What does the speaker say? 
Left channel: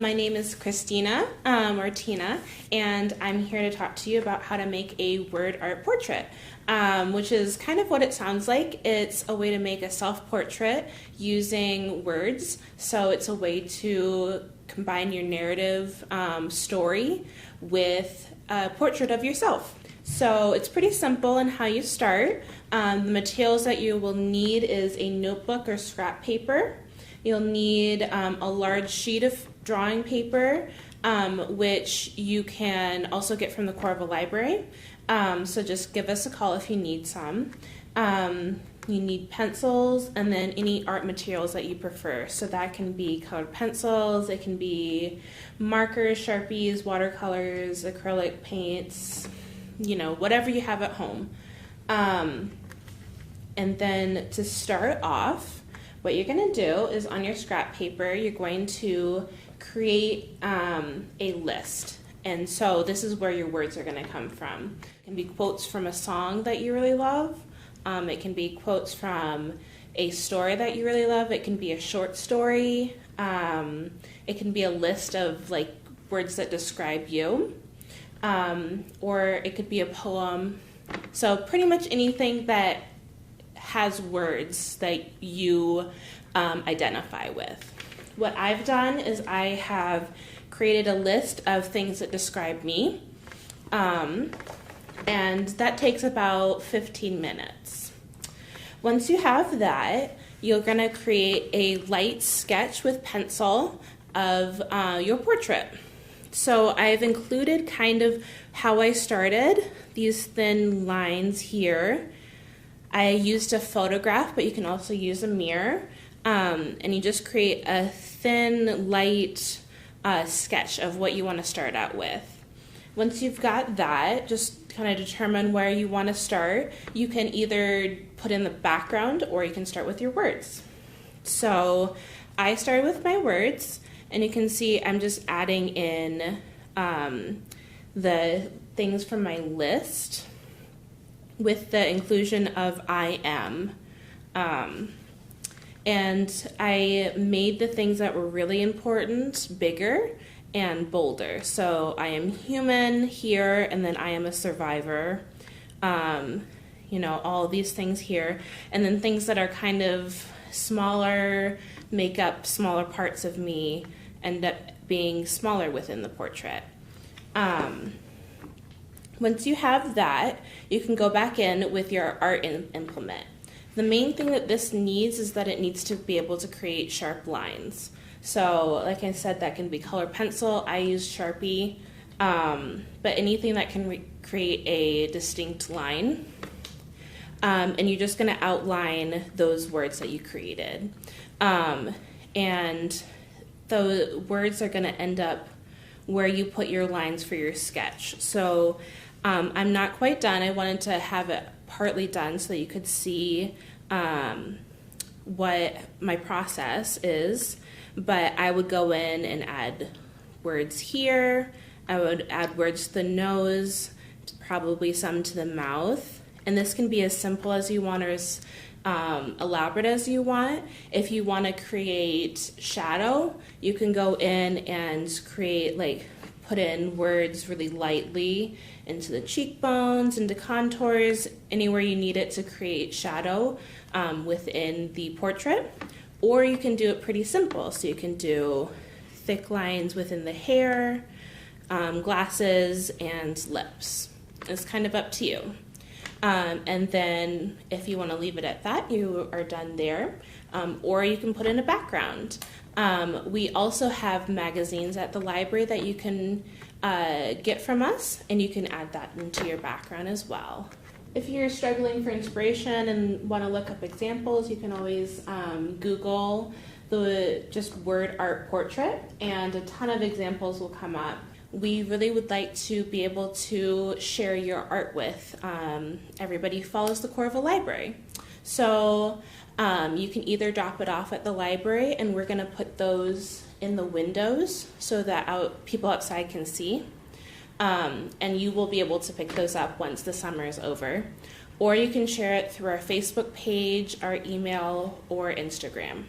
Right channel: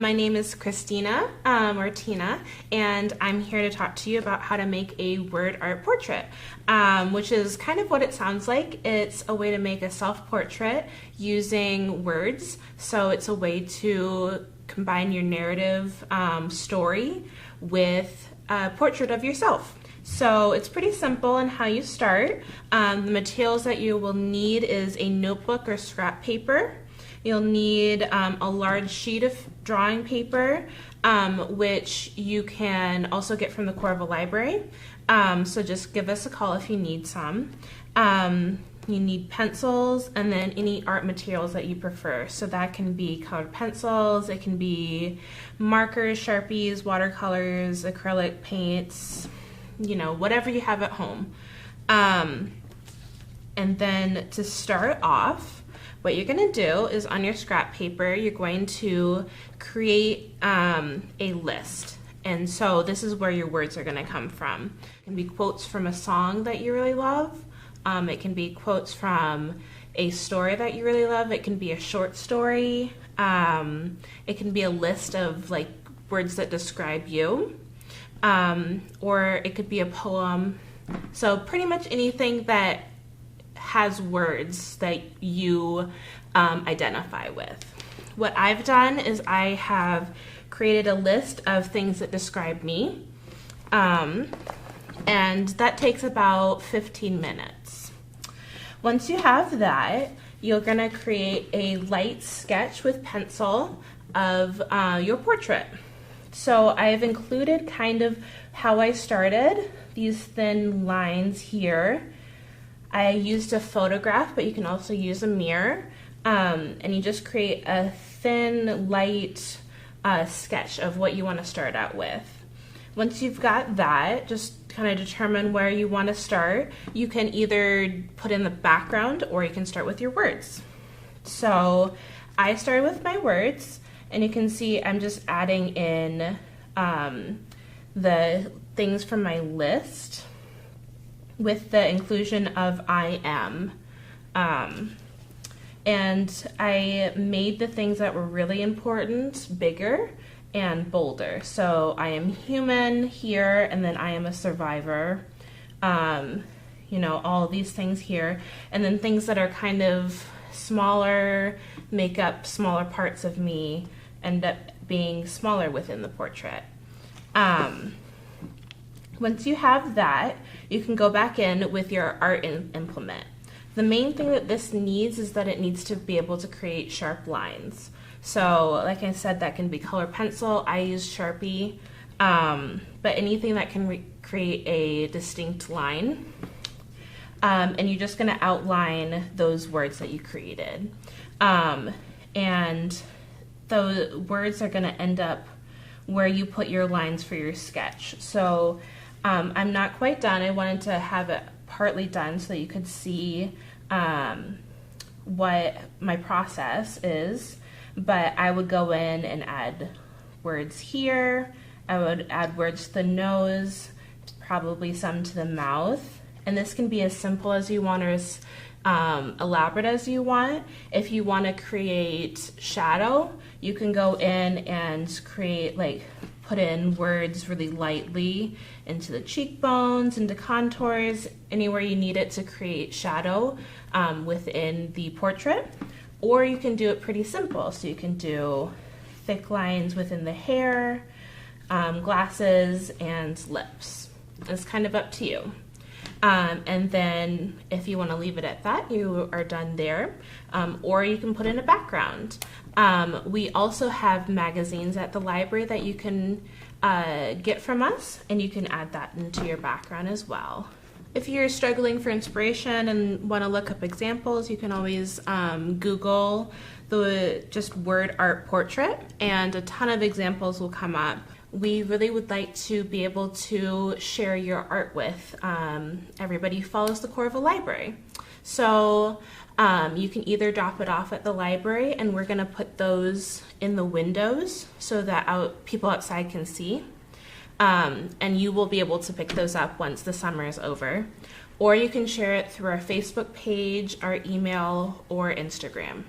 My name is Christina, or Tina, and I'm here to talk to you about how to make a word art portrait, which is kind of what it sounds like. It's a way to make a self-portrait using words, so it's a way to combine your narrative story with a portrait of yourself. So it's pretty simple in how you start. The materials that you will need is a notebook or scrap paper. You'll need a large sheet of drawing paper, which you can also get from the Coralville Library. So just give us a call if you need some. You need pencils and then any art materials that you prefer. So that can be colored pencils, it can be markers, Sharpies, watercolors, acrylic paints, you know, whatever you have at home. And then to start off, what you're going to do is on your scrap paper, you're going to create a list. And so this is where your words are going to come from. It can be quotes from a song that you really love. It can be quotes from a story that you really love. It can be a short story. It can be a list of like words that describe you. Or it could be a poem. So pretty much anything that has words that you identify with. What I've done is I have created a list of things that describe me, and that takes about 15 minutes. Once you have that, you're going to create a light sketch with pencil of your portrait. So I've included kind of how I started, these thin lines here. I used a photograph, but you can also use a mirror, and you just create a thin, light sketch of what you want to start out with. Once you've got that, just kind of determine where you want to start. You can either put in the background or you can start with your words. So I started with my words, and you can see I'm just adding in the things from my list with the inclusion of I am. And I made the things that were really important bigger and bolder. So I am human here, and then I am a survivor. You know, all these things here. And then things that are kind of smaller, make up smaller parts of me, end up being smaller within the portrait. Once you have that, you can go back in with your art implement. The main thing that this needs is that it needs to be able to create sharp lines. So like I said, that can be colored pencil. I use Sharpie, but anything that can create a distinct line. And you're just going to outline those words that you created. And those words are going to end up where you put your lines for your sketch. So I'm not quite done. I wanted to have it partly done so that you could see what my process is, but I would go in and add words here. I would add words to the nose, probably some to the mouth, and this can be as simple as you want or as elaborate as you want. If you want to create shadow, you can go in and create, like, put in words really lightly into the cheekbones, into contours, anywhere you need it to create shadow within the portrait. Or you can do it pretty simple. So you can do thick lines within the hair, glasses, and lips. It's kind of up to you. And then if you want to leave it at that, you are done there. Or you can put in a background. We also have magazines at the library that you can get from us, and you can add that into your background as well. If you're struggling for inspiration and want to look up examples, you can always Google the just word art portrait, and a ton of examples will come up. We really would like to be able to share your art with everybody who follows the Coralville Library. So you can either drop it off at the library, and we're going to put those in the windows so that people outside can see. And you will be able to pick those up once the summer is over. Or you can share it through our Facebook page, our email, or Instagram.